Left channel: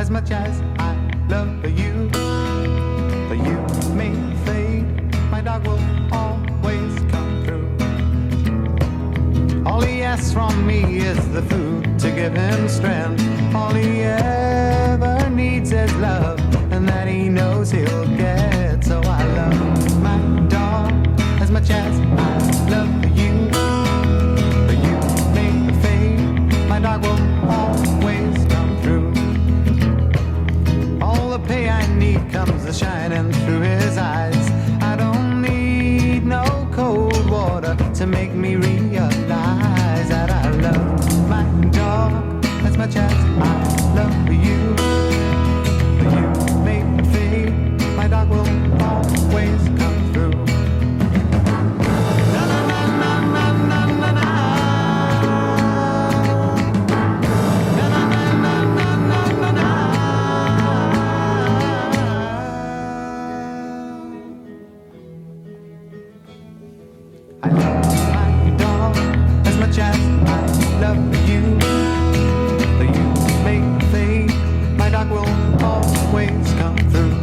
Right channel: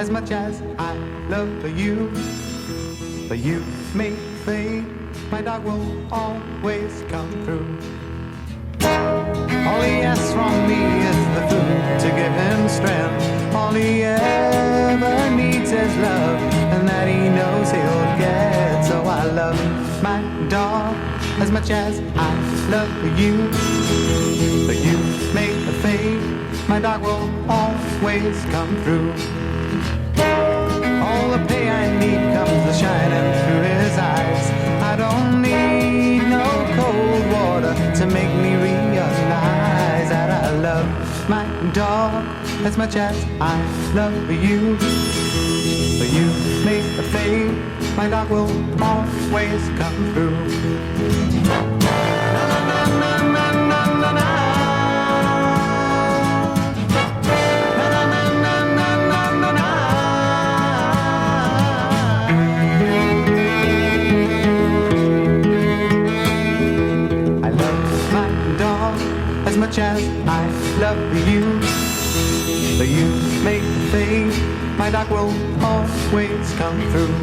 as much as I love you. But you may fade, my dog will always come through. All he asks from me is the food to give him strength. All he ever needs is love, and that he knows he'll get. So I love my dog as much as I love you. But you may fade, my dog will always come through. All the pay I need comes shining through his eyes. I don't need no cold water to make me realize that I love my dog as much as I love you. But you may fade, my dog will always come through. Na na na na na na na na. As much as I love you, but you may fade, my dog will always come through.